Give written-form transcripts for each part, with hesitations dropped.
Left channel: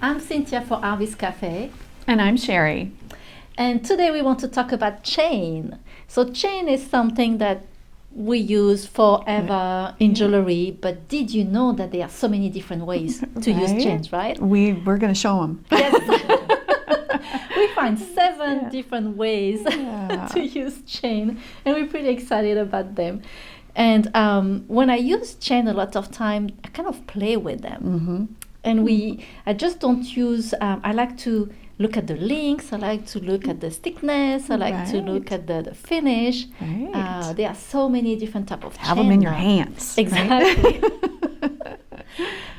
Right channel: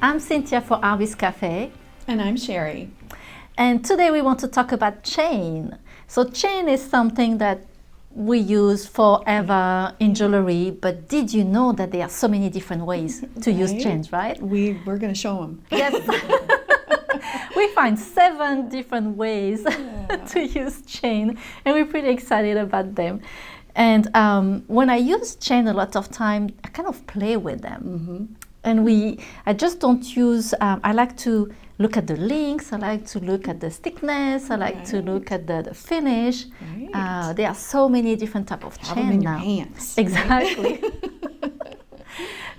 I'm Cynthia for Artbeads Cafe. And I'm Cheri. And today we want to talk about chain. So chain is something that we use forever in jewelry, but did you know that there are so many different ways to use chains, right? We're going to show them. Yes. We find 7 different ways to use chain, and we're pretty excited about them. And when I use chain a lot of time, I kind of play with them. And I just don't use, I like to look at the links, I like to look at the thickness, I like to look at the finish. There are so many different types of chain. Have them in your hands. Exactly.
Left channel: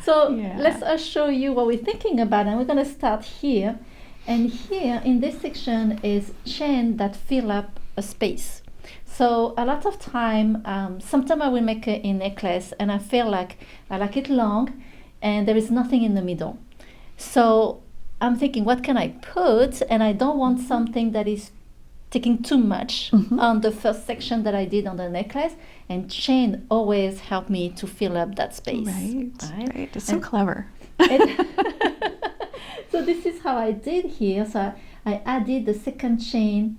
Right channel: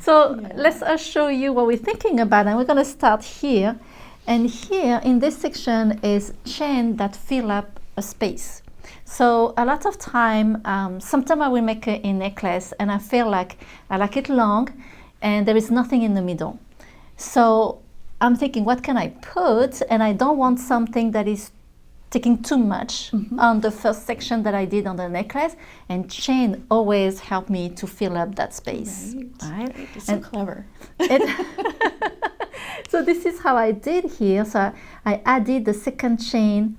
So let's show you what we're thinking about, and we're going to start here. And here in this section is chain that fill up a space. So a lot of time, sometimes I will make a necklace and I feel like I like it long and there is nothing in the middle. So I'm thinking, what can I put? And I don't want something that is taking too much on the first section that I did on the necklace. And chain always helped me to fill up that space. Right. It's so clever. So this is how I did here. So I added the second chain,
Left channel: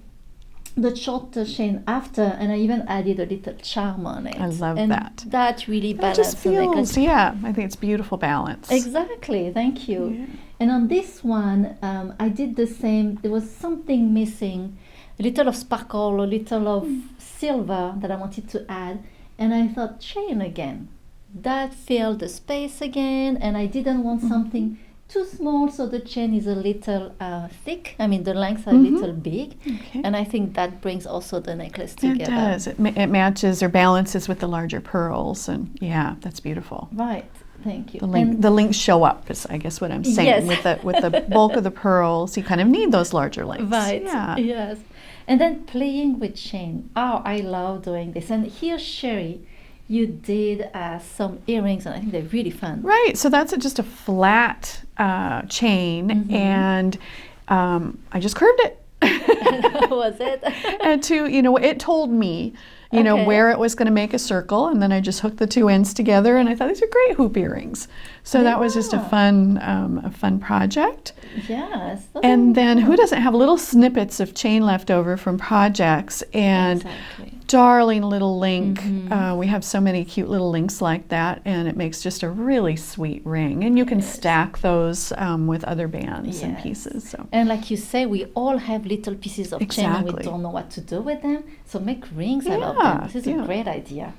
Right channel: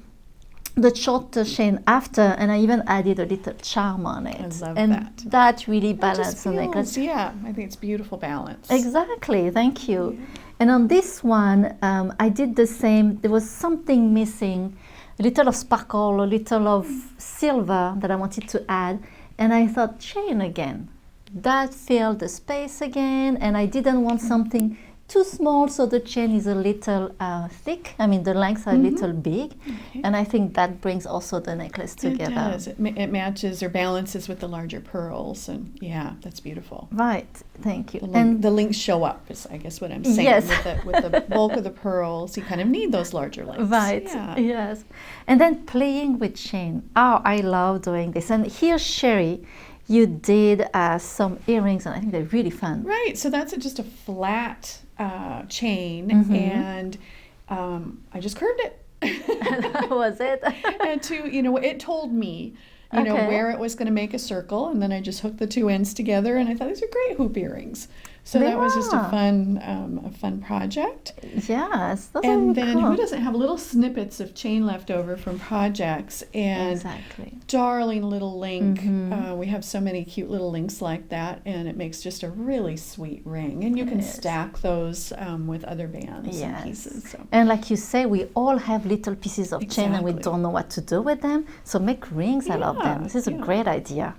the shorter chain after, and I even added a little charm on it. I love and that. That really balanced the necklace. Yeah, I think it's beautiful balance. Exactly, thank you. Yeah. And on this one, I did the same. There was something missing, a little of sparkle, a little of silver that I wanted to add. And I thought, chain again. That filled the space again, and I didn't want something too small, so the chain is a little thick. I mean, the lengths are a little big, and I think that brings also the necklace together. It does. It matches or balances with the larger pearls, and yeah, that's beautiful. Right. Thank you. The links show up, is I guess what I'm saying. Yes. With the bulk of the pearls, you kind of need those larger links. Right. Yeah. Yes. And then playing with chain. Oh, I love doing this. And here, Cheri, you did some earrings, and I think they're really fun. Right. So that's just a flat chain, and I just curved it. Was it? And it told me, where it was going to make a circle, and then I just hooked the 2 ends together, and I thought these are great hoop earrings. So that was just a fun project. Yes. And then who doesn't have little snippets of chain left over from projects, and darling little link. We have so many cute little links like that, and it makes just a really sweet ring. And you can stack those with other bands and pieces. So. And like you say, we all have little pieces of chain and we don't know what to do with them. So make rings out of them. This is a great idea.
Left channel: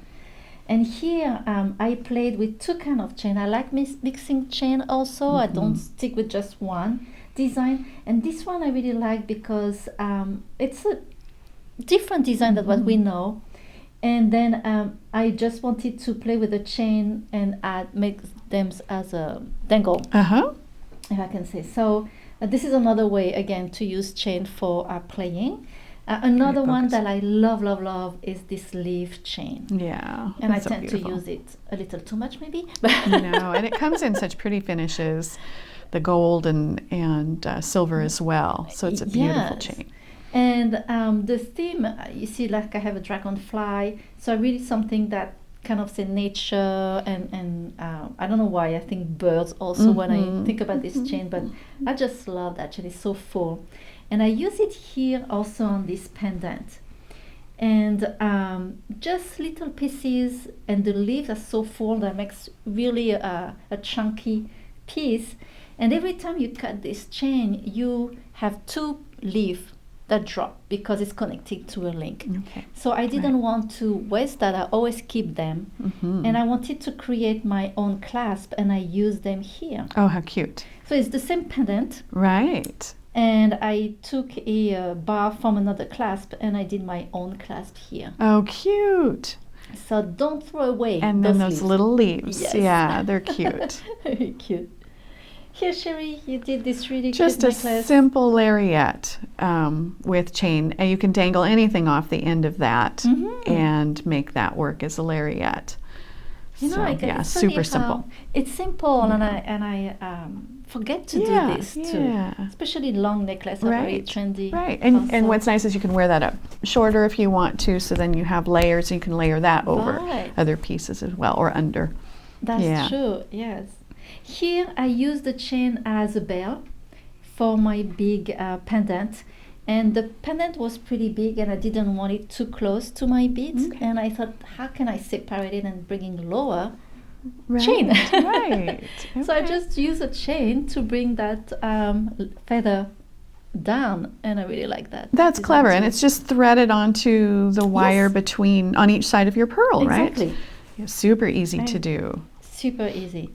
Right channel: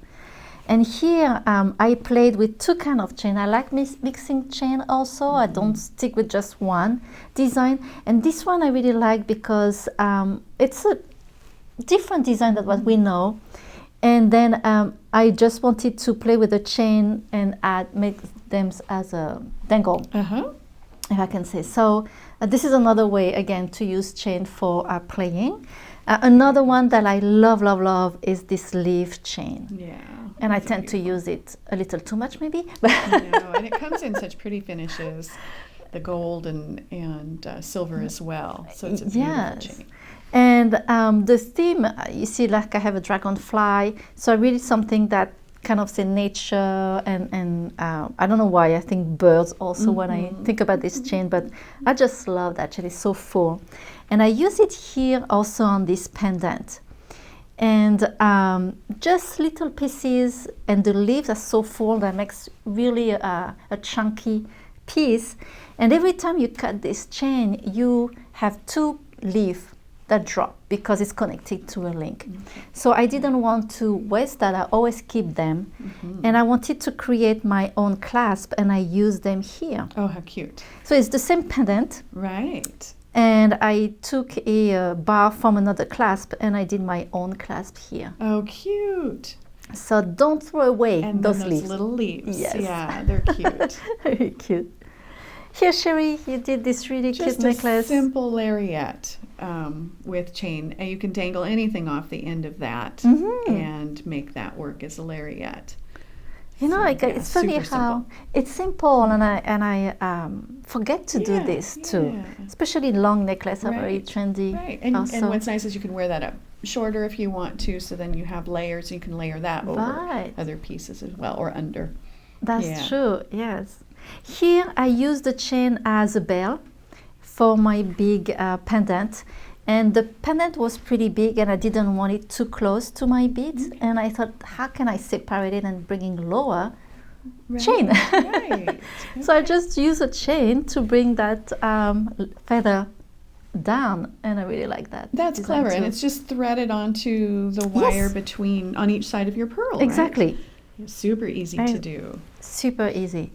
And here I played with 2 kinds of chain. I like mixing chain also. I don't stick with just one design. And this one I really like because it's a different design than what we know. And then I just wanted to play with the chain and make them as a dangle, if I can say. So this is another way, again, to use chain for playing. Another one that I love is this leaf chain. Yeah. And I tend to use it a little too much, maybe. No, and it comes in such pretty finishes, the gold and silver as well. So it's a beautiful chain. And the theme, you see, like I have a dragonfly. So really something that kind of say nature and I don't know why, I think birds also when I think about this chain, but I just love that chain. It's so full. And I use it here also on this pendant. And just little pieces, and the leaves are so full that makes really a chunky piece. And every time you cut this chain, you have 2 leaves that drop because it's connected to a link. So I didn't want to waste that. I always keep them. And I wanted to create my own clasp, and I use them here. Oh, how cute. So it's the same pendant. Right. And I took a bar from another clasp and I did my own clasp here. Oh, cute. So don't throw away those leaves. Little leaves. Yes. Yeah, they're cute. Very cute. Here, Cheri, you did this really cute necklace. Just a simple lariat with chain. You can dangle anything off the end of that and make that work as a lariat. It's super simple. It's simple, and I forget to do this too. Especially long necklace are very trendy. Right, and what's nice is you can wear that up shorter if you want to, so then you have layers, and you can layer that over other pieces as well, or under. That's true, yes. Here I use the chain as a bell for my big pendant. And the pendant was pretty big and I didn't want it too close to my beads. Okay. And I thought, how can I separate it and bring it lower? Right, chain. Right. Okay. So I just use a chain to bring that feather down, and I really like that. That's clever, and it's just threaded onto the wire between on each side of your pearl, exactly. Right? Yeah, super easy to do. Super easy.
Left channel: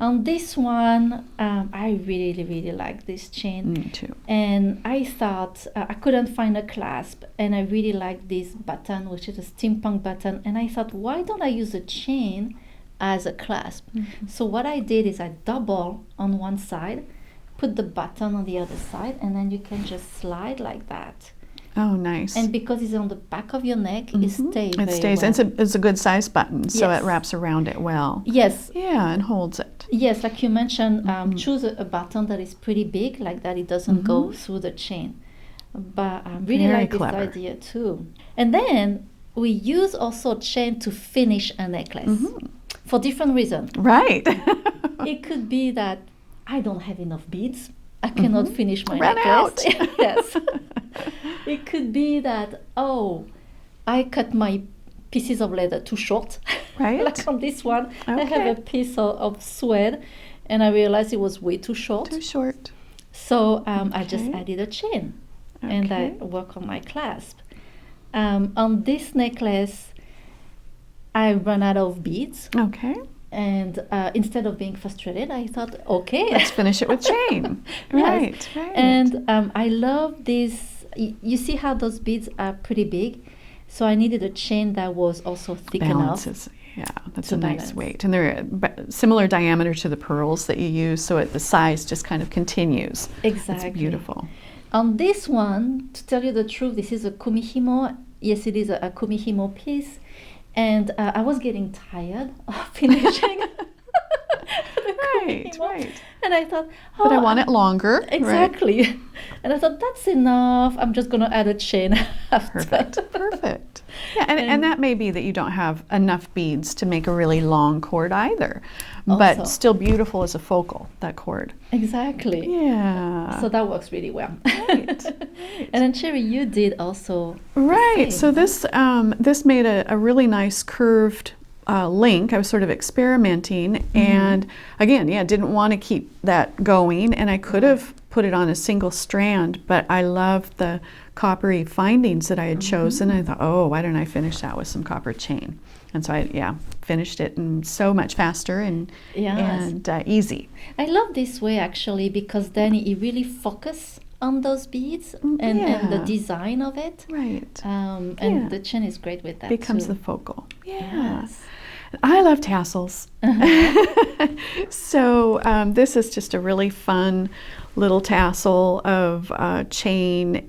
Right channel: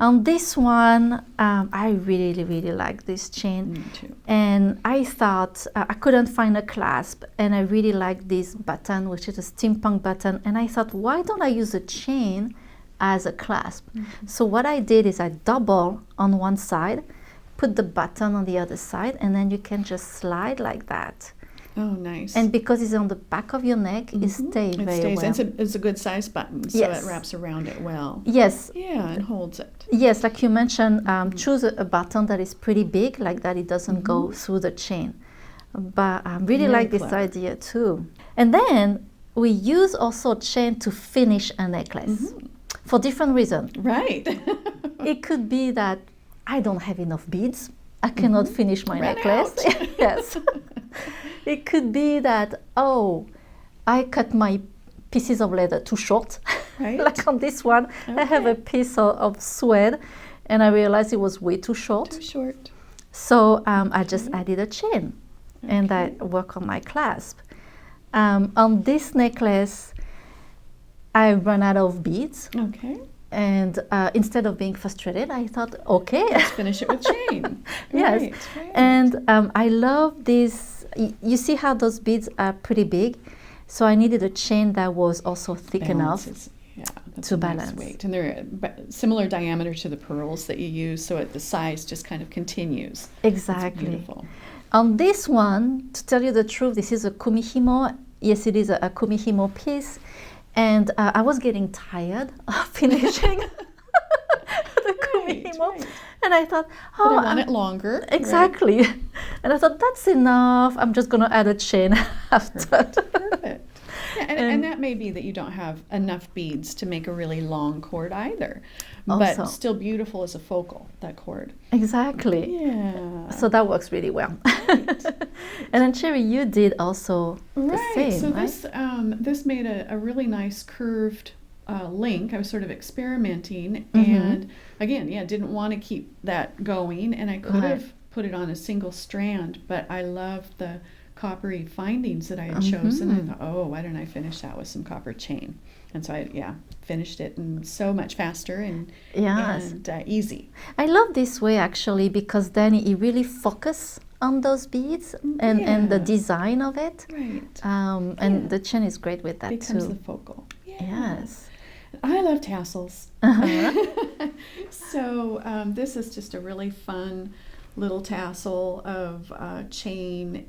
On this one, I really like this chain. Me too. And I thought I couldn't find a clasp, and I really like this button, which is a steampunk button. And I thought, why don't I use a chain as a clasp? Mm-hmm. So what I did is I double on one side, put the button on the other side, and then you can just slide like that. Oh, nice. And because it's on the back of your neck, mm-hmm. it stays very stays. well. It's a good size button, so it wraps around it well. Yes. Yeah, and holds it. Yes, like you mentioned, choose a button that is pretty big, like that it doesn't go through the chain. But I really like this idea too. And then we use also chain to finish a necklace for different reasons. Right. It could be that I don't have enough beads. I cannot finish my necklace. Yes. It could be that, I cut my pieces of leather too short. Right. Like on this one, I have a piece of suede, and I realized it was way too short. Too short. So I just added a chain, and I work on my clasp. On this necklace, I ran out of beads. Okay. And instead of being frustrated, I thought, let's finish it with chain. Yes. Right. And I love this. You see how those beads are pretty big? So I needed a chain that was also thick enough. Yeah, that's a nice weight. And they're similar diameter to the pearls that you use, so the size just kind of continues. Exactly. It's beautiful. On this one, to tell you the truth, this is a kumihimo. Yes, it is a kumihimo piece. And I was getting tired of finishing the kumihimo. Right. And I thought, but I want it longer. Exactly. Right. And I thought, that's enough. I'm just going to add a chain after. Perfect. Yeah, and that may be that you don't have enough beads to make a really long cord either. But still beautiful as a focal, that cord. Exactly. Yeah. So that works really well. Right. And then Cheri, you did also right. the same, so this made a really nice curved link. I was sort of experimenting, and again, didn't want to keep that going, and I could have put it on a single strand, but I loved the coppery findings that I had chosen. I thought, why don't I finish that with some copper chain? And so I finished it, and so much faster and easy. I love this way actually, because then it really focuses on those beads and the design of it. Right. And the chain is great with that becomes too. the focal. Yes. I love tassels. So this is just a really fun little tassel of chain.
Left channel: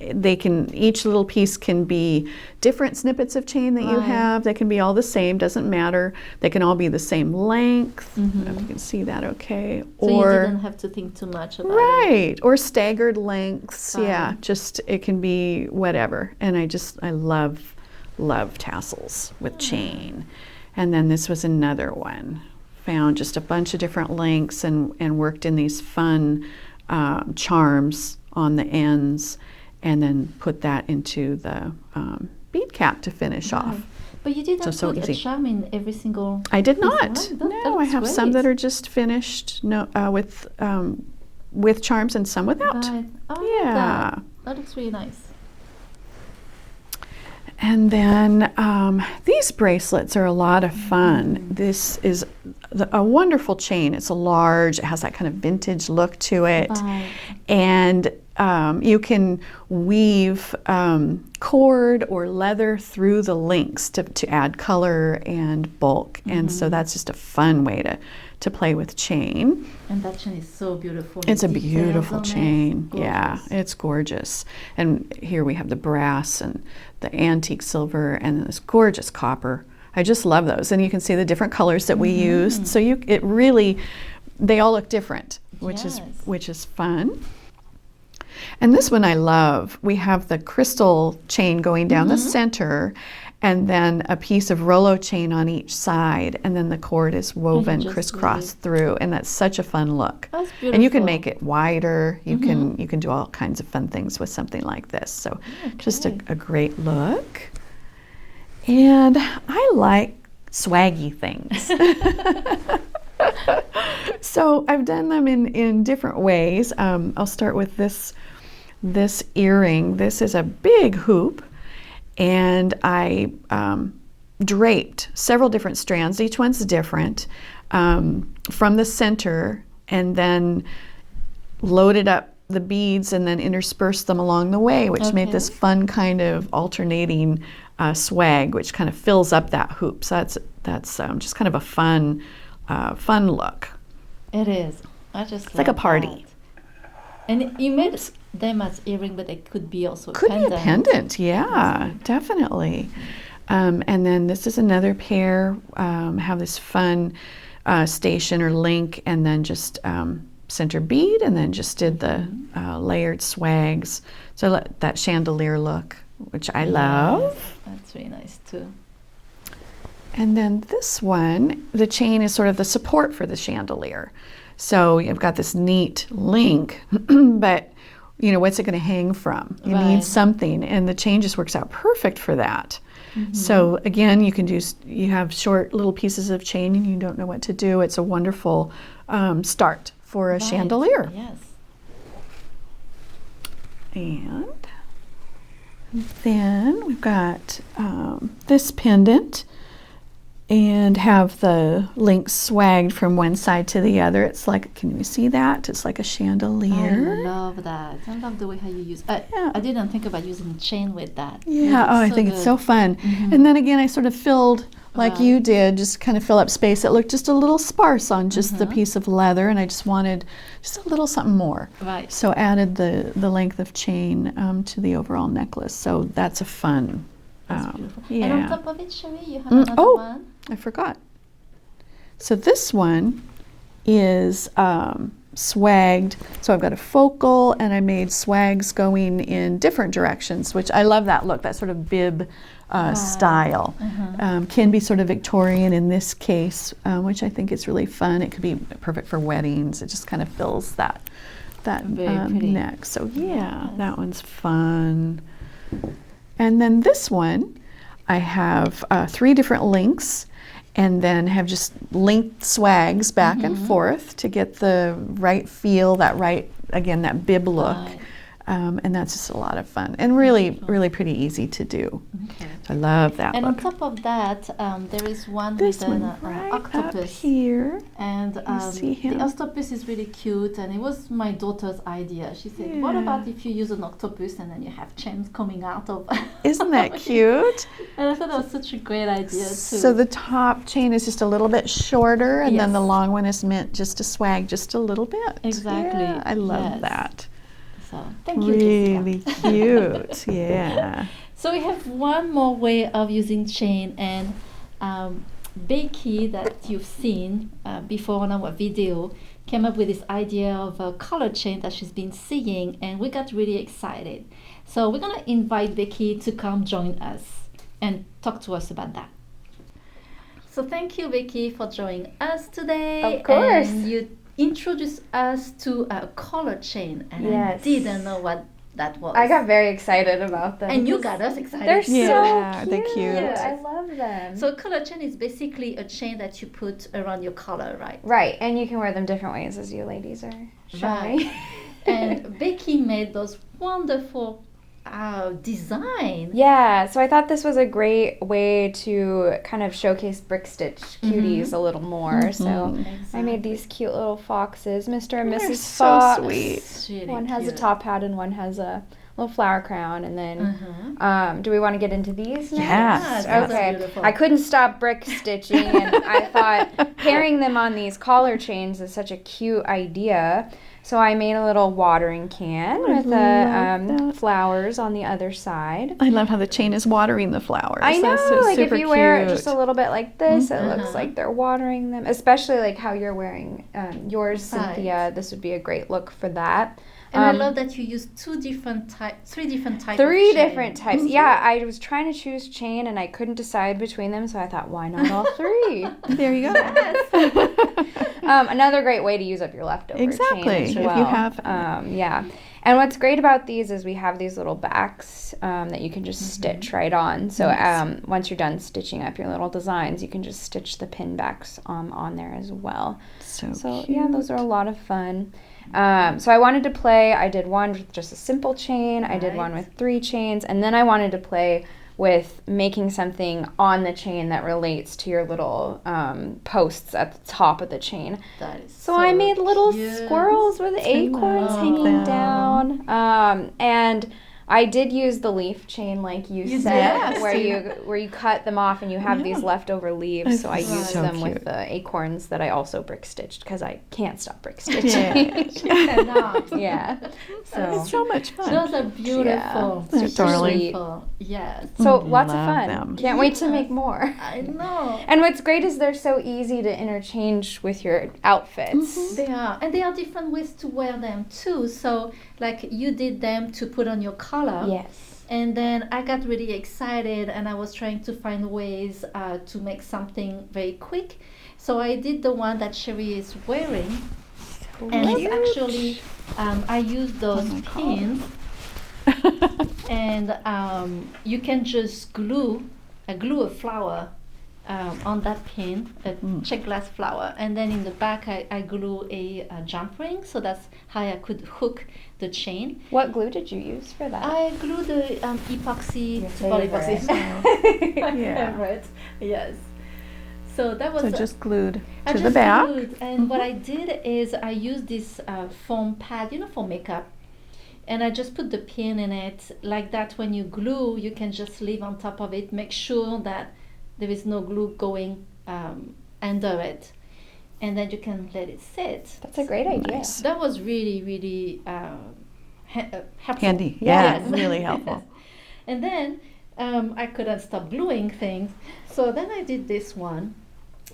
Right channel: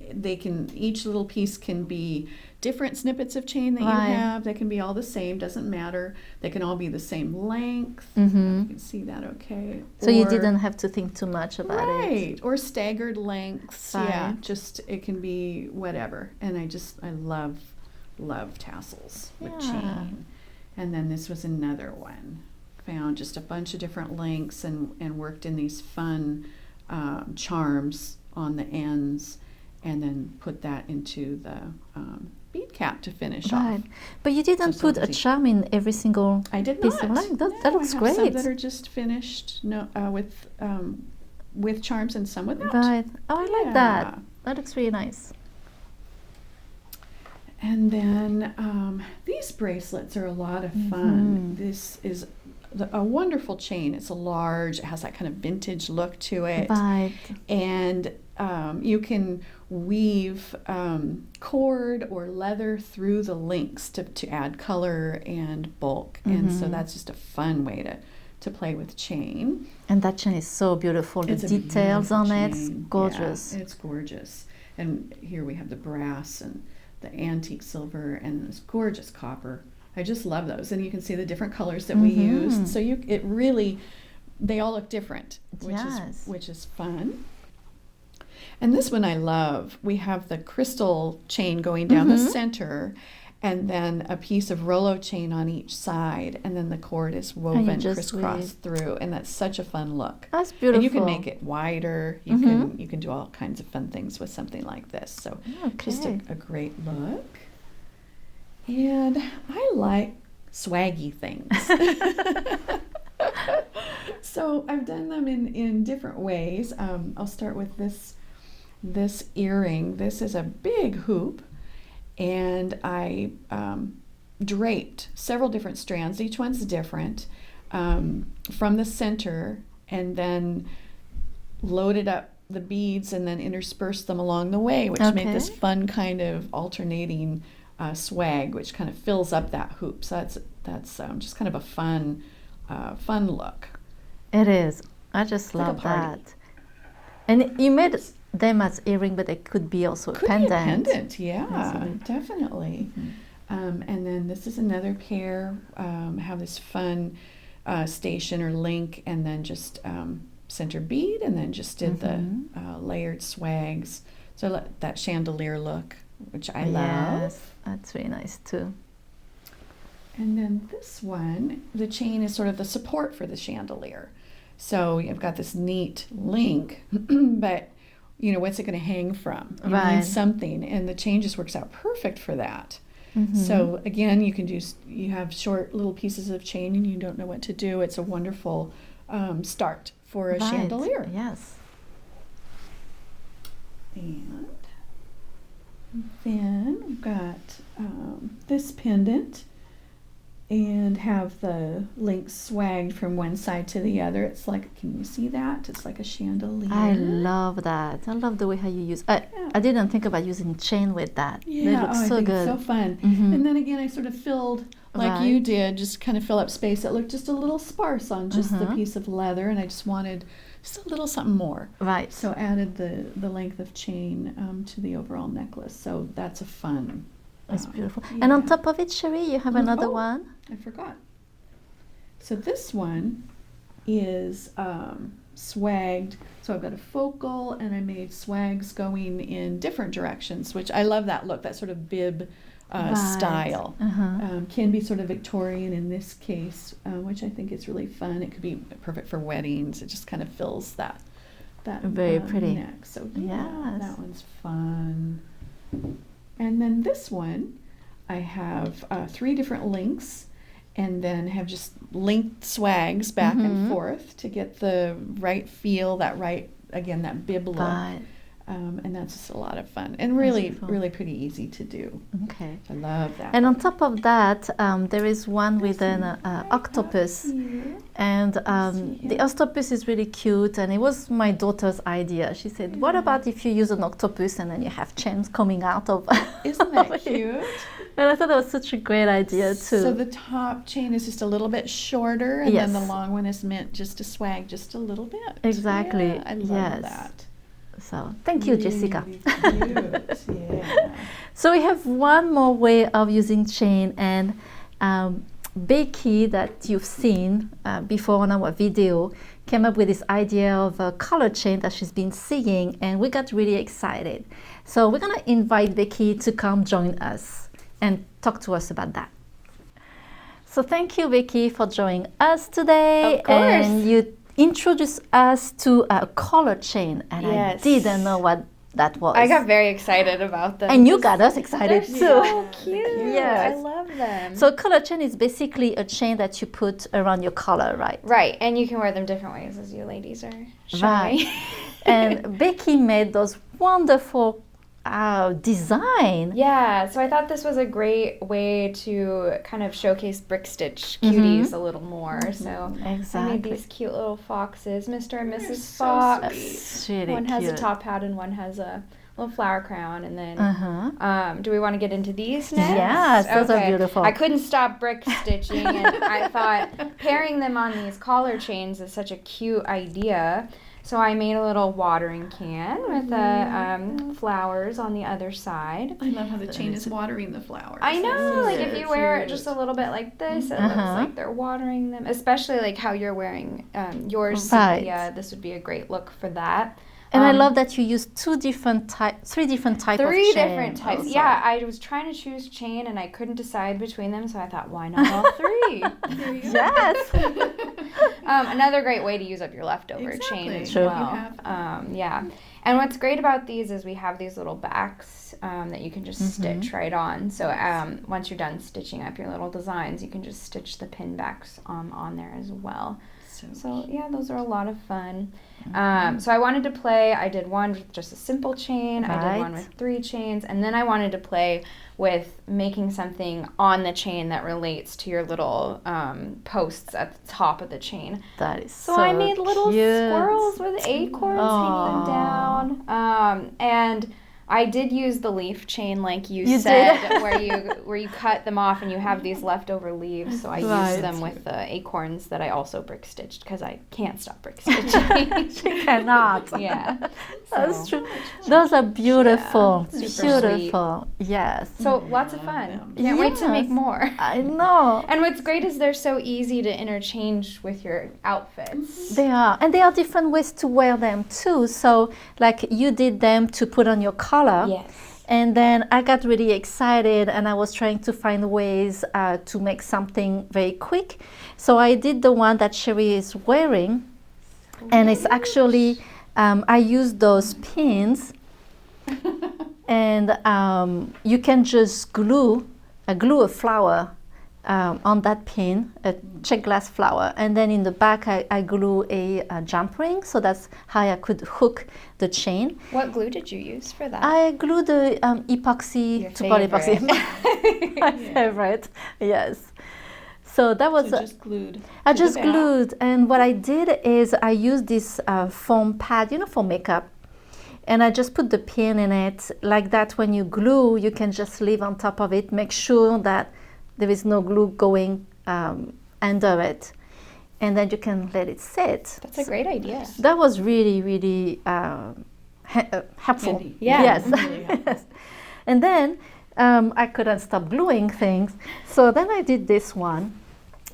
Each little piece can be different snippets of chain that you have. They can be all the same, doesn't matter. They can all be the same length. If you can see that okay. So you didn't have to think too much about it. Right, or staggered lengths. Yeah, just it can be whatever. And I love tassels with chain. And then this was another one. Found just a bunch of different lengths and worked in these fun charms on the ends, and then put that into the bead cap to finish off. But you didn't put a charm in every single I did not. No, I have some that are just finished with charms and some without. Right. Oh, I like that. That looks really nice. And then these bracelets are a lot of fun. This is a wonderful chain. It's large. It has that kind of vintage look to it. Right. And you can weave cord or leather through the links to add color and bulk. And so that's just a fun way to play with chain. And that chain is so beautiful. It's a beautiful chain. Gorgeous. Yeah, it's gorgeous. And here we have the brass and the antique silver and this gorgeous copper. I just love those. And you can see the different colors that we used. So they all look different, which is fun. And this one I love. We have the crystal chain going down the center, and then a piece of Rolo chain on each side, and then the cord is woven just crisscross through, and that's such a fun look. That's beautiful. And you can make it wider. You can do all kinds of fun things with something like this. So just a great look. And I like swaggy things. So I've done them in different ways. I'll start with this earring. This is a big hoop, and I draped several different strands. Each one's different from the center, and then loaded up the beads and then interspersed them along the way, which made this fun kind of alternating swag, which kind of fills up that hoop. So that's just kind of a fun look. It is. I just love like a party. that. And you made them as earring, but it could be also a pendant. Could be a pendant, yeah, definitely. And then this is another pair. Have this fun station or link, and then just center bead, and then just did the layered swags. So that chandelier look, which I love. That's really nice too. And then this one, the chain is sort of the support for the chandelier. So you've got this neat link, but what's it going to hang from? You need something, and the chain just works out perfect for that. So again, you have short little pieces of chain and you don't know what to do. It's a wonderful start for a chandelier. Yes. And then we've got this pendant, and have the links swagged from one side to the other. It's like, can you see that? It's like a chandelier. I love that. I love the way how you use. I didn't think about using chain with that. Yeah, I think it's so fun. And then again, I sort of filled, like you did, just kind of fill up space. It looked just a little sparse on just the piece of leather, and I just wanted just a little something more. Right. So added the length of chain to the overall necklace. So that's a fun. That's beautiful. Yeah. And on top of it, Cheri, you have another one. I forgot. So this one is swagged. So I've got a focal, and I made swags going in different directions, which I love that look, that sort of bib style. Can be sort of Victorian in this case, which I think is really fun. It could be perfect for weddings. It just kind of fills that very pretty neck. So that one's fun. And then this one, I have 3 different links, and then have just linked swags back and forth to get the right feel, that bib look. And that's just a lot of fun, and really pretty easy to do. Okay. I love that. And look. on top of that, there is one with an octopus. Here. And the octopus is really cute, and it was my daughter's idea. She said, what about if you use an octopus and then you have chains coming out of Isn't that cute? And I thought that was such a great idea too. So the top chain is just a little bit shorter, and then the long one is meant just to swag just a little bit. Exactly. Yeah, I love that. So thank you, Jessica. Really cute, yeah. So we have one more way of using chain, and Becky, that you've seen before on our video, came up with this idea of a color chain that she's been seeing, and we got really excited. So we're gonna invite Becky to come join us and talk to us about that. So thank you, Becky, for joining us today. Of course. And you introduced us to a color chain, and I didn't know what that was. I got very excited about them. And you got us excited They're too. so cute. They're cute. Yes. I love them. So color chain is basically a chain that you put around your collar, right? Right, and you can wear them different ways, as you ladies are showing. Right. And Becky made those wonderful design. Yeah, so I thought this was a great way to kind of showcase brick stitch cuties a little more. So I made these cute little foxes, Mr. and Mrs. So Fox. sweet. Really One has a cute. top hat and one has a little flower crown. And then, do we want to get into these next? Yes, those are beautiful. I couldn't stop brick stitching, and I thought pairing them on these collar chains is such a cute idea. So I made a little watering can with the flowers on the other side. I love how the chain is watering the flowers. I know, That's so like if super you wear it cute. just a little bit like this, it looks like they're watering them. Especially like how you're wearing yours, Right. Cynthia. This would be a great look for that. And I love that you use three different types of Three chain. different types. Yeah, I was trying to choose chain and I couldn't decide between them, so I thought, why not all three? There you go. Yes. Another great way to use up your leftover Exactly. chain as If well. you have yeah. And what's great about these is we have these little backs that you can just stitch right on. So once you're done stitching up your little designs, you can just stitch the pin backs on there as well. So yeah, those are a lot of fun. So I wanted to play. I did one with just a simple chain. I did one with 3 chains. And then I wanted to play with making something on the chain that relates to your little posts at the top of the chain. That is So I made little cute. squirrels with acorns hanging down. And I did use the leaf chain like you said, did. where you cut them off and you have these leftover leaves. So I used them cute. with the acorns that I also brick stitched because I can't stop brick stitching. She cannot. Yeah. It's so much fun. Those are beautiful. Yeah, Super beautiful. Yes. So lots of Love fun. them. Can't wait to make more. I know. And what's great is they're so easy to interchange with your outfits. They are. And there are different ways to wear them too. So like you did them to put on your collar. Yes. And then I got really excited and I was trying to find ways to make something very quick. So I did the one that Cheri is wearing. And it's actually, I used those pins. And you can just glue a flower on that pin, a check glass flower. And then in the back, I glue a jump ring. So that's how I could hook the chain. What glue did you use for that? I glued the epoxy, Your super epoxy. favorite. My favorite, yes. So that was just glued I to just the back. glued, and what I did is I used this foam pad, for makeup, and I just put the pin in it like that. When you glue, you can just leave on top of it. Make sure that there is no glue going under it, and then you can let it sit. That's a great idea. That was really, really helpful. Handy. Yeah. Yes. Really helpful. Yes. And then I couldn't stop gluing things, so then I did this one.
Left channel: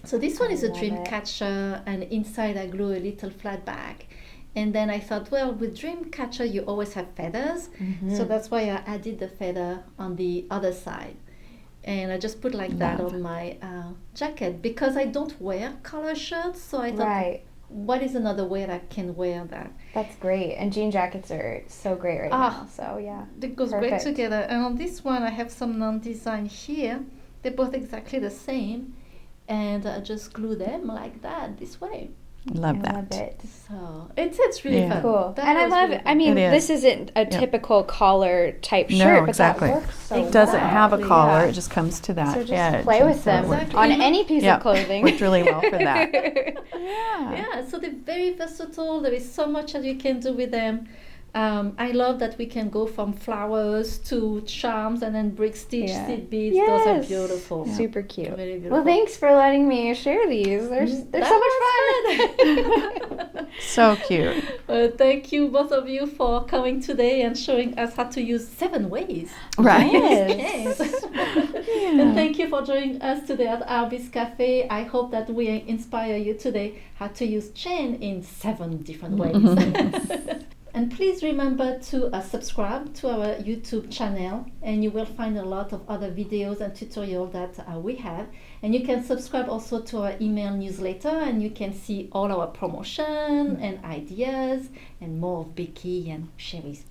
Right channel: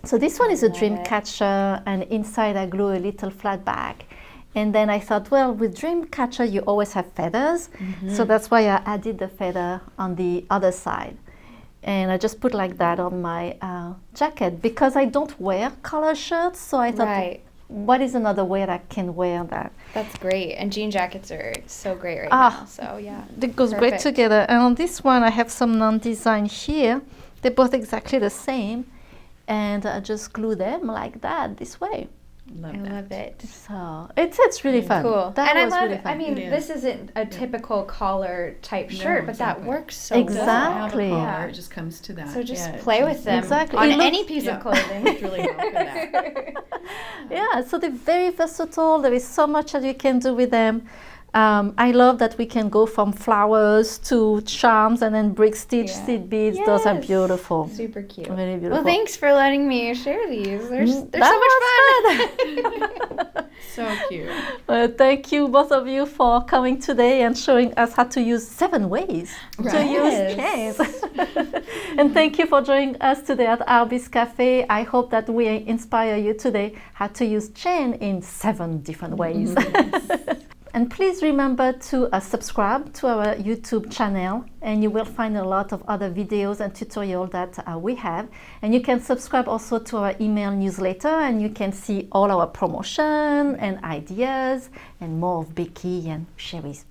So this one is a love dream it. catcher, and inside I glue a little flat bag. And then I thought, well, with dream catcher you always have feathers, so that's why I added the feather on the other side. And I just put like that on my jacket because I don't wear collar shirts, so I thought, Right. what is another way that I can wear that? That's great. And jean jackets are so great right now. So yeah. It goes great Perfect. together. And on this one, I have some non-design here. They're both exactly the same. And I just glue them like that, this way. Love I that. love it. So it's really Yeah. fun. Cool. That And I was love really it. fun. I mean, It this is. isn't a typical collar type No, shirt, but exactly. that works so It doesn't well. have a Exactly, collar. yeah. It just comes to that. So just edge. play And with them Exactly. on It any looks- piece yeah, of clothing. worked really well for that. Yeah, so they're very versatile. There is so much that you can do with them. I love that we can go from flowers to charms and then brick stitch, Yeah. seed beads. Those are Yes. beautiful. Super cute. Really beautiful. Well, thanks for letting me share these. They're so much fun. So cute. Thank you, both of you, for coming today and showing us how to use 7 ways. Right. Yes. And thank you for joining us today at Artbeads Cafe. I hope that we inspire you today how to use chain in 7 different ways. And please remember to subscribe to our YouTube channel, and you will find a lot of other videos and tutorials that we have. And you can subscribe also to our email newsletter, and you can see all our promotion and ideas and more of Becky and Cheri's.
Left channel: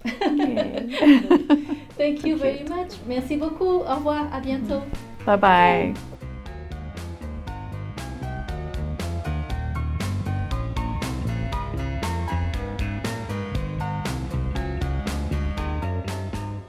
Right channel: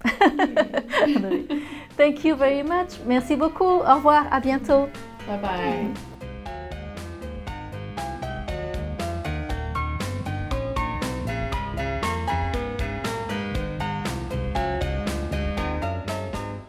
Thank you very much. Merci beaucoup. Au revoir. À bientôt. Bye-bye.